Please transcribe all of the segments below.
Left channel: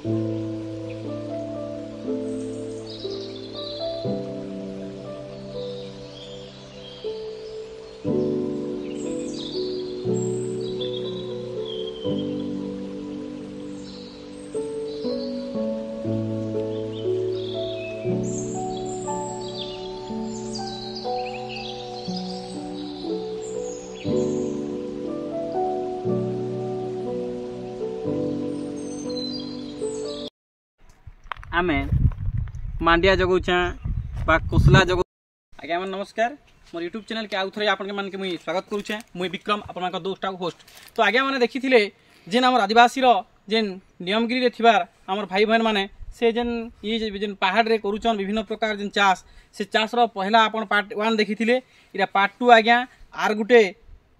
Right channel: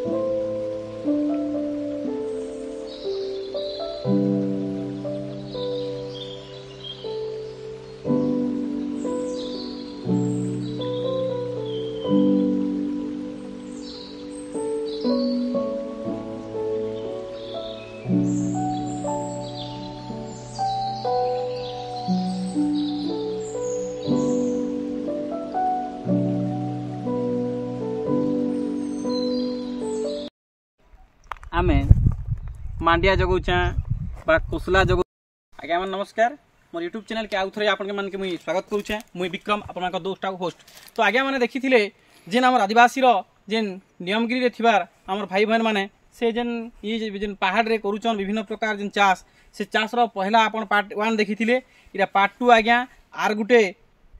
आमे मांडिया जगौचा बा कुसला जगौ आज्ञा मन नमस्कार मोर यूट्यूब चैनल के आउ थरे आपन मन के मुई स्वागत करूछे मुई विक्रम आपन का दोस्ता होस्ट। तो आज्ञा माने देखिथिले जेन हमर आदिवासी रो जेन नियमगिरी रे थिबार हमर भाई बहन माने से जेन ये जेन पहाड़ रे करूछन विभिन्न प्रकार जेन चाष से चाष रो पहला आपन पार्ट 1 देखिथिले इरा पार्ट 2 आज्ञा आर गुटे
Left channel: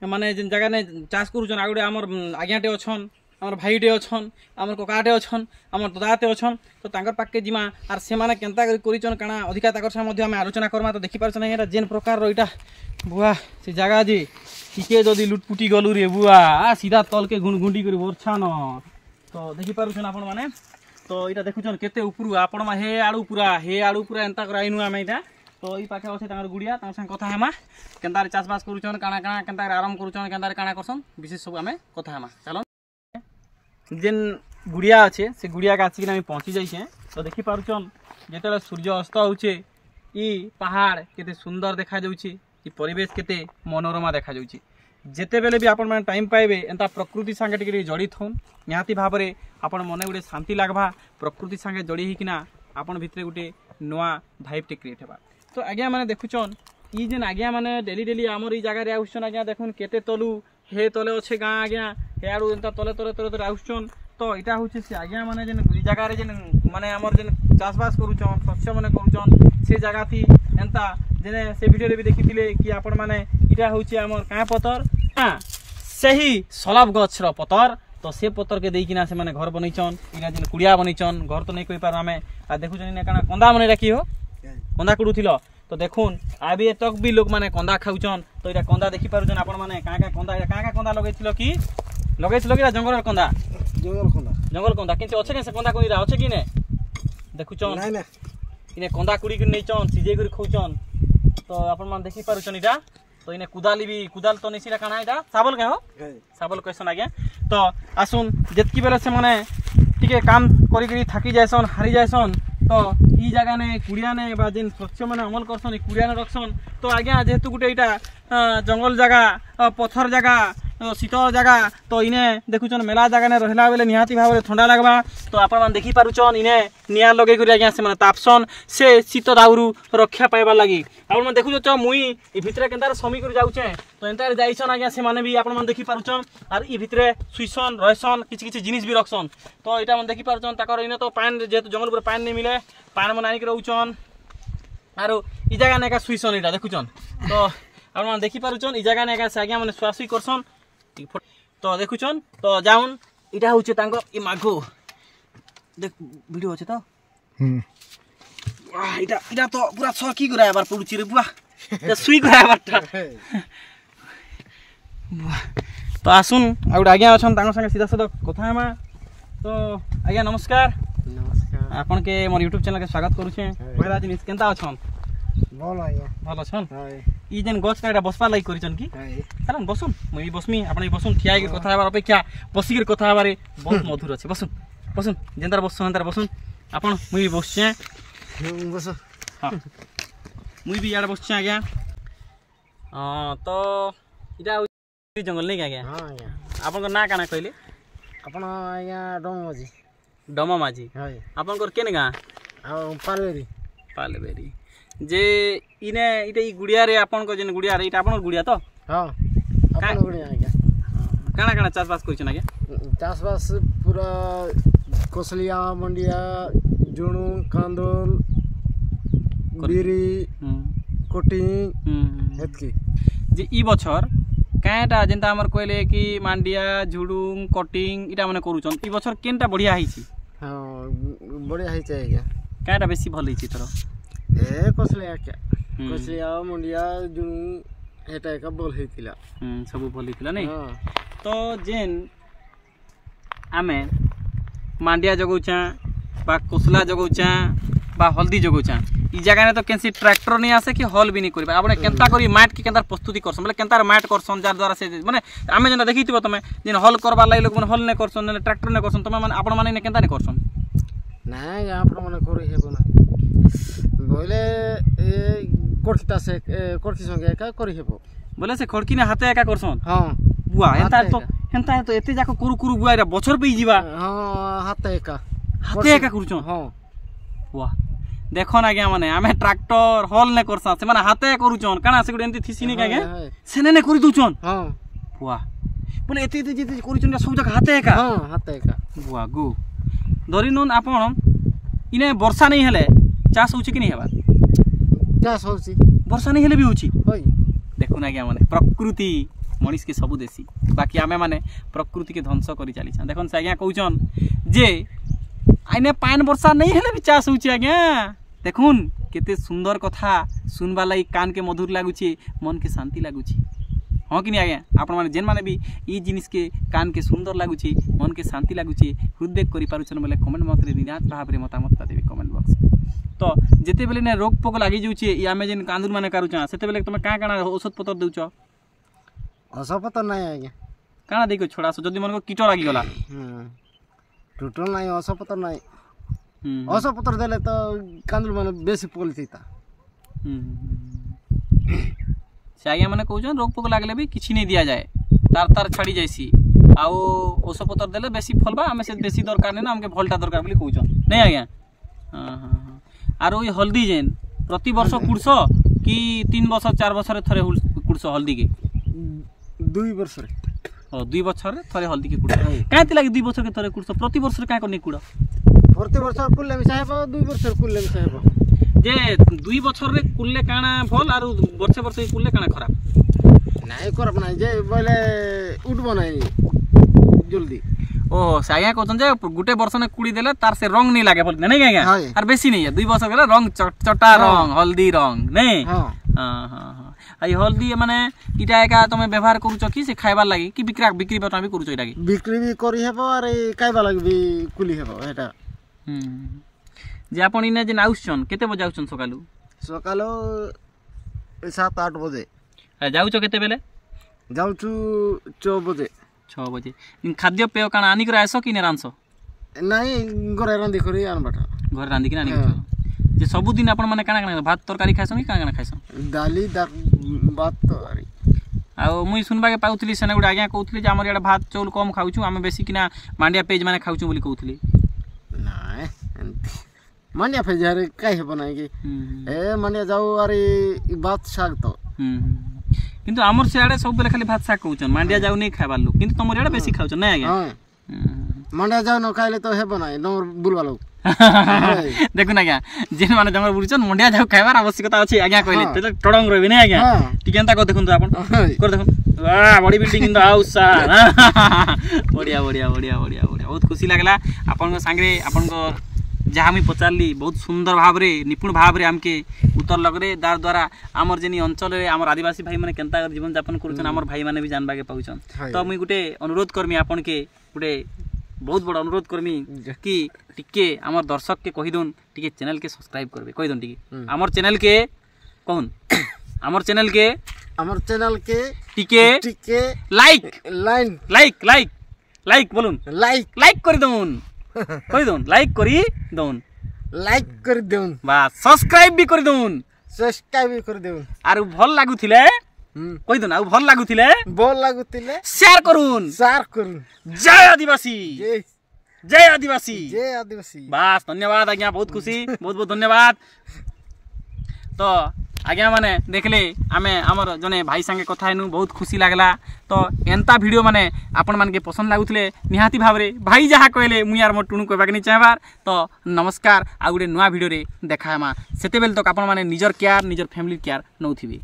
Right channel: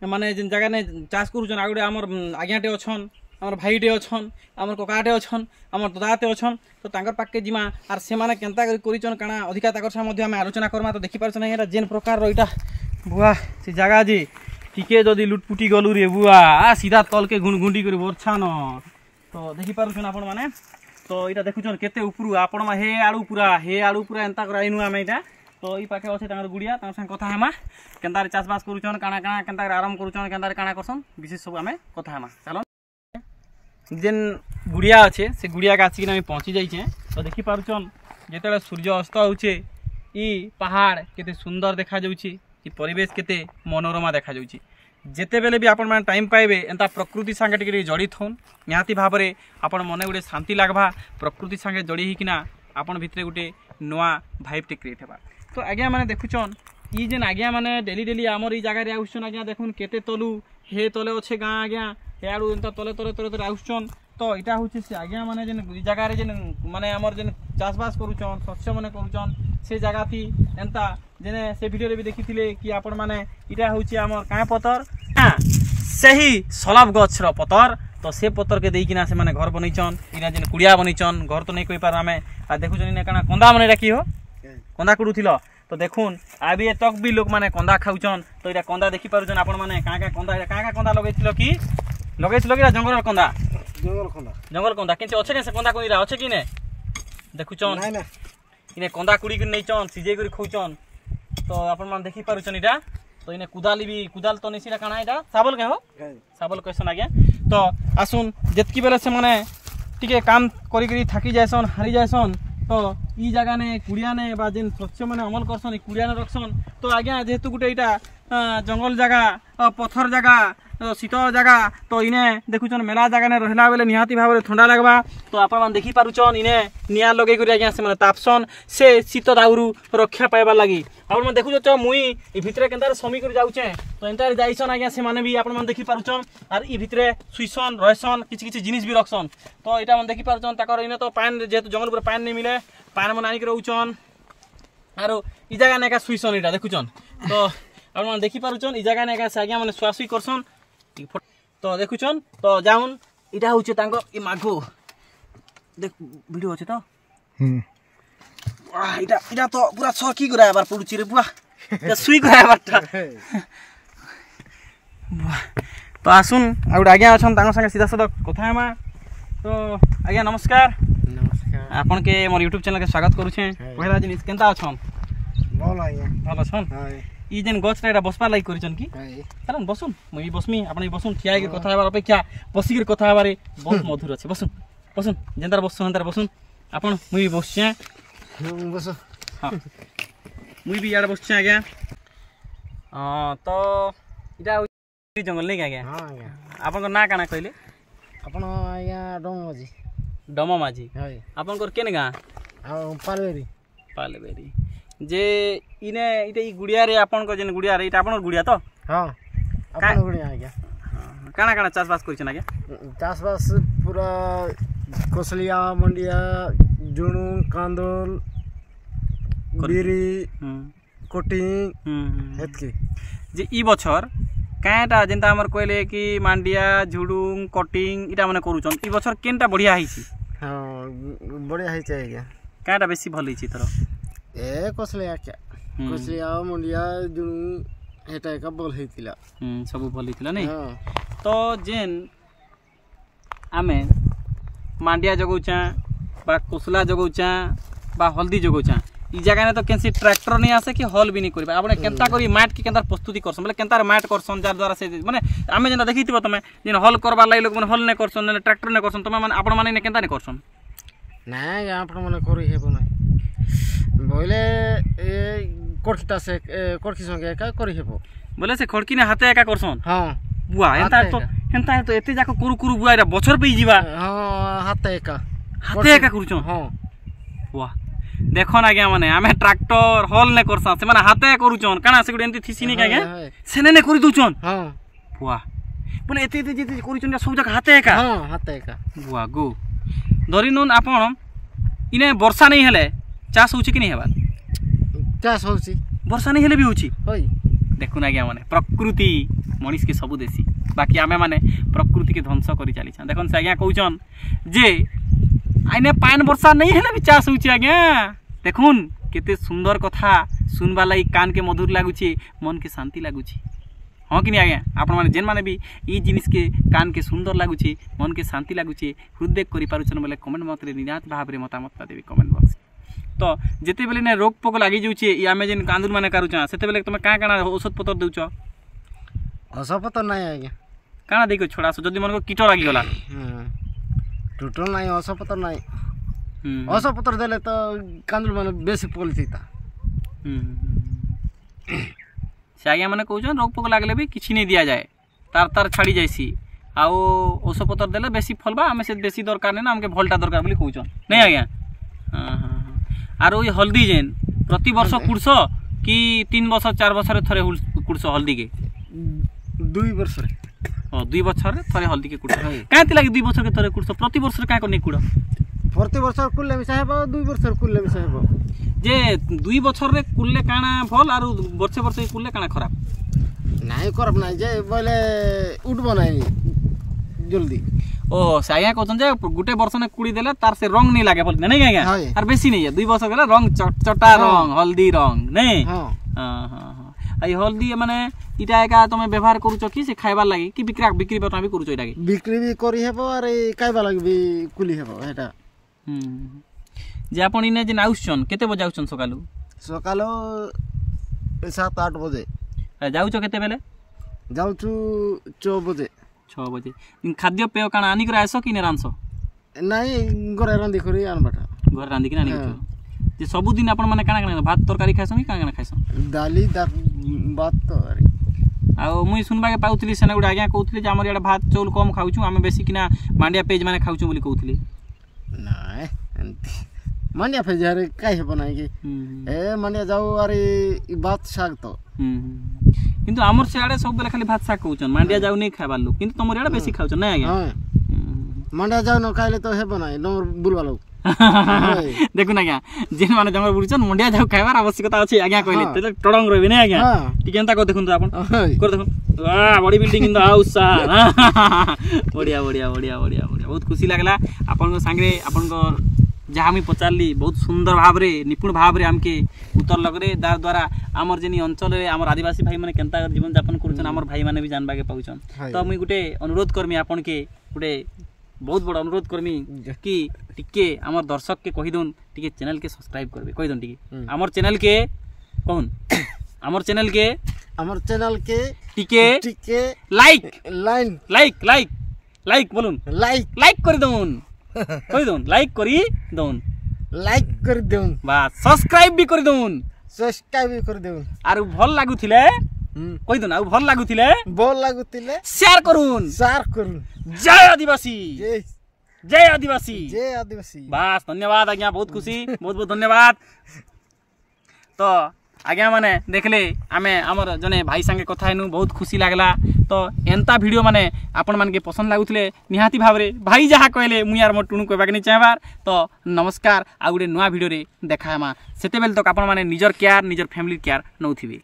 माने जेन जगह ने चाष करूछन आ गुटे हमर आज्ञाटे अछन आमर भाईटे अछन आमर ककाटे अछन आमर दादाटे अछन तो तांकर पाके जिमा आर से माने केनता करिचन काना अधिका ताकर सा मध्ये हम आलोचना करमा तो देखि पारछन एटा जेन प्रकार रो इटा बुआ से जगह जे टिके जदी लुटपुटी गलु रे बुआ आ सीधा तल के गुंडी करी बरछान तो देखि पारछन आपन माने तो इटा देखुछन केते उपरु आपन मा हे आडू पूरा एंता कराइनु हम इटा तो ई पाखे अछि तांकर गुडिया तांकर संग कथा हेमा केनता रे चाष बास करूछन काना काना केनता रे आराम करूछन केनता रे काना करछन विशेष सब हमें कथा हेमा चलो जेन गुड़िया अच्छे से गुड़िया के आसिक आम पहुँची जाइए तो देखी पार्छन जिते सूर्य अस्त होचे ई पहाड़ केते सुंदर देखा जाउची ई परिवेश केते मनोरमा देखा जाउची जेते बेले भी आपण माने टाइम पाइबे एंता प्रकृति संगे टिके जड़ित होन निहाती भाव में आपण मने गुटे शांति लागबा प्रकृति संगे जड़ी ही किना आपण भितरे गुटे नवा भाइब टे क्रिएट हेबा। तो आज्ञा माने देखुचन ई जेन आज्ञा माने डेली आमर ई जगह रे आउछन आज्ञा देखुन केते तलु हे तले अच्छे गाँ आज्ञा हेड़ू एंता तले तले तले तले आउछन तो इटा होचे से आज्ञा माने जेन जगह रे जेन माने हमर जेन चाष बास करूछन शस्य माने करूछन से जगह थी एंता जेने से वीडियो रे भी देखिथिले कि आपण माने इटा होचे हमर का पतर सही सलाब गछ रो पतर तो से पतर के देइकिना से माने घर बनैछन इना जेन कुड़िया बनैछन घर तो नै कहि पार हमें आ देखुछन इने काना कंदा माने राखी हो कंदा कुडुथिलो तो देखुन आबे तक भी लोग माने कंदा खाउछन तो इटा कंदा देखि पारुछन आपण माने का कंदा लगैथिलो कि जंगल कंदा किंतु अच्छे के से कंदा कोइरा अच्छे कि ने देखुछन नै नै इने कंदा कुड़ी के नैछन सिजे करी खौछन तो आपण मान देखि पारुछन इटा तो इने कुदाल तो नैसिरा काना इटा साबल के हो साबल कहसन आज्ञा। तो आसुन जेतकी बेले से माने टिके काम करी करी थाकी जायसन हारी जायसन तो ई जगह ने कुड़िया ने बा जेन शस्य माने अमल करसन कुड़िया ने रखसन तो आज्ञा जेहेतु गुटे इटा जंगल जगह पत्थर जगह शीतल जगह तो इने देखुछन मेला जगह ने रहला बेले निहाती भाव में ठंडा लगबा तो आपण मान देखि पारुछन इने निया लगे करी आज्ञा से माने तापसन से शीत दाउरू रक्षा पाइबा लागि आपण मान देखुछ मुई ई भितरे केनतार समी करी जाउछे तो एंतार जाइसन आज्ञा से माने भी आपण मान देखि पारुछन आर ई भितरे सुइसन रहसन किछि जिनिस भी रखसन तो इटा मन देखि पारुछन ताकर इने तो पान जेतु जंगल पूरा पान नै मिले पान मन आनी के रहउछन आरो ई जगह ने का सुइसन इटा देखुछन तो आपण मान देखि पारुछन ई जगह ने का से आज्ञा माने स्वासी करसन तो देखुछन तो जाउन इटा होचे तांको ई माघो देख वीडियो আছে তো वाह इटा तो पूरा सरकी गरा बार पडुची रे बुआ এটা सुई गरा बारटा तो आसुन आउड आज्ञा अछन तांको संगे सीधा साधा कथा हेमा तो आज्ञा नमस्कार आपन के मोर YouTube चैनल के स्वागत करू छे पहिला दिन केनता अछन भल आज्ञा भल छन ई जेन गछ काटा बसपा लागि करिछन की चलन बसुन मई बसमी आपन बसुन ठिया के कथा हेबार अपेक्षा बसी के कथा हेबारे बहुत मधुर अछि बसुन जेंदार बसुन अंदर बसुन आपन मई बसछे बस हां मई भी यार बसछे आज्ञा तो इटा जंगल नै आज्ञा हां आज्ञा आपन को ना काना कहले आपन आज्ञा डमा माझी हाय आपन को केन गा पालबेरी जे इने इटे ई गुड़िया रे आपन को जेन गुड़िया रे इटा आपन गुड़िया तो हां आपन गुड़िया आज्ञा काना काना चाष बास करिछन आज्ञा चाष बास पूरा कोसलिया मंडिया जुणू कांदोल बिरी कोटिंग हेतकी जे ई बछर काटा जेंता हमर कहले कि मांडिया झुडुंग कटिंग इटा माने करूछन ई बछर केनटा बढ़िया हिची हां बढ़िया हिची आज्ञा काटा बेसी भल हिची तोर ए कोसलिया मुंडिया जुणू हेटा का बोल हेतिला सब भल हेतिला नै तो जेन आमे मांडिया जगौछा बा कोसला जगौछा बा हल्दी जगौछा ई जगह ने तो कैसी ट्रैक्टर नहीं आसे कि हल भी नहीं करिबा आपने केनता करी माट के केनता प्रस्तुति करसन मतलब केनता माट करसन जार द्वारा से माने आमे जेना देखिथिबो तमे जेन हल करबा लाई लोग माने हल ने करसन ने ट्रैक्टर ने करसन तमे माने आपण माने ने केनता ने करसन ନାଇଁ ଆପଣ ମାନେ କରି ହେବ ନାହିଁ ବୋଇଲେ ଏ କୋଠଟା ସେ କୋଠି ସଂगे ଏକା କରି ହେବ बोले से खड़की ने हाथे एका करसन ହଁ बुआ एंता तो एते जाको कुरु कुरु बुआ रे बछर पे जीवा ହଁ ହାତ ଏକା हाथे एका करूछन ହଁ वाह देखो ना क्या माने आमे ट्रैक्टर हल ने करसा से माने हाथे करूछन काना से गुड एंती थिसी नि कागे सेने ने करि दुछन ହଁ वाह बोले एते एते जेते करूछन सब जगह हाथे एका ହଁ ହାତ ଏକା वाह गो धरि नन आपण इने वर्षा नहीं हेले चाष होछि कि नहीं हेबा ଚାଷ ହଉଛି वर्षा नहीं हेले भी होछि ହୋଇ देखु ना क्या माने प्रकृति मनीष के सबु देसी बाकी आमे माने प्रकृति के ध्वंस करी चली छन देखन से आज्ञा कहउछन जे आइने पान वर्षा नहीं हेले भी चाष होछि आज्ञा देखुन केते सुंदर कथा सुनबा लाई कान के मधुर लागुछि मन के शांति लागुछि हाँ कि नहीं आज्ञा आपण माने जेन माने भी ई जिनिस के कान के सुंदर लागुछि मन के शांति लागुछि हृदय करि पारुछन बोले कमेंट बॉक्स रे निरात भाव रे मतामत देबी कमेंट बॉक्स तो जेते बेले ने रोग पोक लागि जाउछि ई आमे जेन कांदुर माने करूछा सेते बेले तुम काना औषध पत्र देउछ ଅସପତ ନାହିଁ ଆଜ୍ଞା काना देको छोड़ा जदि मन को कीट लागि गला ଟୋଟାଲ ନାହିଁ ଅସପତ ନାହିଁ ଅସପତ୍ର ଦେଲେ ତ କାନ୍ଦୁଲ ମାନେ ବେଶୀ ପୋଲିଥିତା से आज्ञा माने कहउछन रोग पोक लागले भी किछि नहीं दिया जाए तार तार छाड़ी जाइसी आउ औषध पत्र देले बेसी फलबा हमें से देसी दरकार नै ना हमके भलटा दरकार बोली कहउछन नहीं आज्ञा हां हां आरो ये हल्दी जेन प्रति वर्ष कुड़स कि 3 वर्ष 4 वर्ष रे थरे कुड़स हल्दी के 2 वर्ष रे ओ 2 वर्ष रे थरे हल्दी के कुड़ कांति लागि 2 वर्ष के थरे कुड़स प्रति वर्ष रे का कोनी कुड़ प्रति वर्ष कुल्ले भी चाहेबो 2 वर्ष कुल्ले भी चाहेबो जे 2 वर्ष रे कुल्ले काना भल आरो वर्ष वर्ष कुल्ले काना खराब नाही करब नाही जे बोले उठबो नाही जल्दी ओ साया कहतन जे गुटे वर्ष ने कुड़ी देले तार से रंग नहीं लागे बोल नहीं आज्ञा और बेसी नहीं है 2 वर्ष गेले रंग चटा रंग हल्दी रंग नहीं हां हां हां आई हल्दी माने इटा एका तमे व्यवहार करूछ कि से खाइबा लागि कि बिक्री बता भी करूछ इटा के बिक्री भी करी हेबो अरे खाइबा लागि भी कुली हेबो एटा जे आपण इने जे आउछन केते बजे आउछन सकालू 7-8 बजे जाउछ केते बेले जाउछु 6 बजे 6 बजे खाद्य पेय काना आनी कर आसो कि ने रांसो नाही घरे रांदी करी आनबाटा घर रांदी कि आनी जे सब दिन आपण माने काना काना भात तरकारी खाइसो कि काना खाइसो दाली भात तरकारी आ मुई सुनबा के पाउथली सेना गुडा आज्ञा कहउथली जे हमर एडा भात चौल कम खाउछु आमे बेसी किना मांडिया पेज माने खाउछु बोली कहउथली नाही मांडिया पेज रे काई हेबो नाही कि ए मांडिया जाऊ अरे भात साग तो किंतु हमर सेआडे सब बेले खाली भात साग कहउछन मांडिया जाऊ नहीं खाइबा लोग किंतु तमर एडा बेसी खाउछन नहीं आज्ञा मांडिया जाऊ न खाइले तो हेबो नाही नमर बुलवा लोग देखु ना क्या जेन माने जमर बुड़छन मंडिया जाऊ खाइबार आवश्यकता अछि आज्ञा कहले त टडंग रहबे नै आज्ञा टी केनता को देखुन तो आपन कर देखुन वाह body building in the house बढ़िया बढ़िया बढ़िया बढ़िया बढ़िया बहुत खुशी लागला आपन संगे आपन को जहाँ मुझे पचारली बहुत सुंदर भाव रे निपुण भाव रे हमके उत्तर लगरे दार द्वारा आमर जेनी अंचल रे आमर आदिवासी भाई माने केनता जीवन यापन करूछन आमर भाई माने भी जानबा के पाउछन तो मुई गुटे अनुरोध करमी आपन के गुटे बहुत बड़ा अनुरोध करमी कि टिके आमर दर्शक के कहि दोन टिके चैनल के सब्सक्राइब करबे कहि दोन टिके आमर चैनल के कहून आमर चैनल के टिके लाइक बोलून लाइक कर दोन कहि दोन लाइक करी दोन बस सब्सक्राइब भी कर दोन आरो भल लागुथिले कहि दोन आउ भल लागुथिले शेयर करूँ जय आदिवासी बस धन्यवाद आज्ञा बहुत खुशी बहुत बहुत धन्यवाद तो आज्ञा माने देखले आमे हमर जने भाई संगे कथा हेनु बहुत खुशी लागला तो एंता वीडियो माने आपण मान के पसंद लागुथिले निहाती भाव रे भाई जहा कहले मुई यार मोर टुनु कहबा के नहीं चाहबार तो नमस्कार आ गुडे नुवा वीडियो रे देखामा सेते बेल तक आपण माने निजर केयर निजर फैमिली केयर नउथिबे।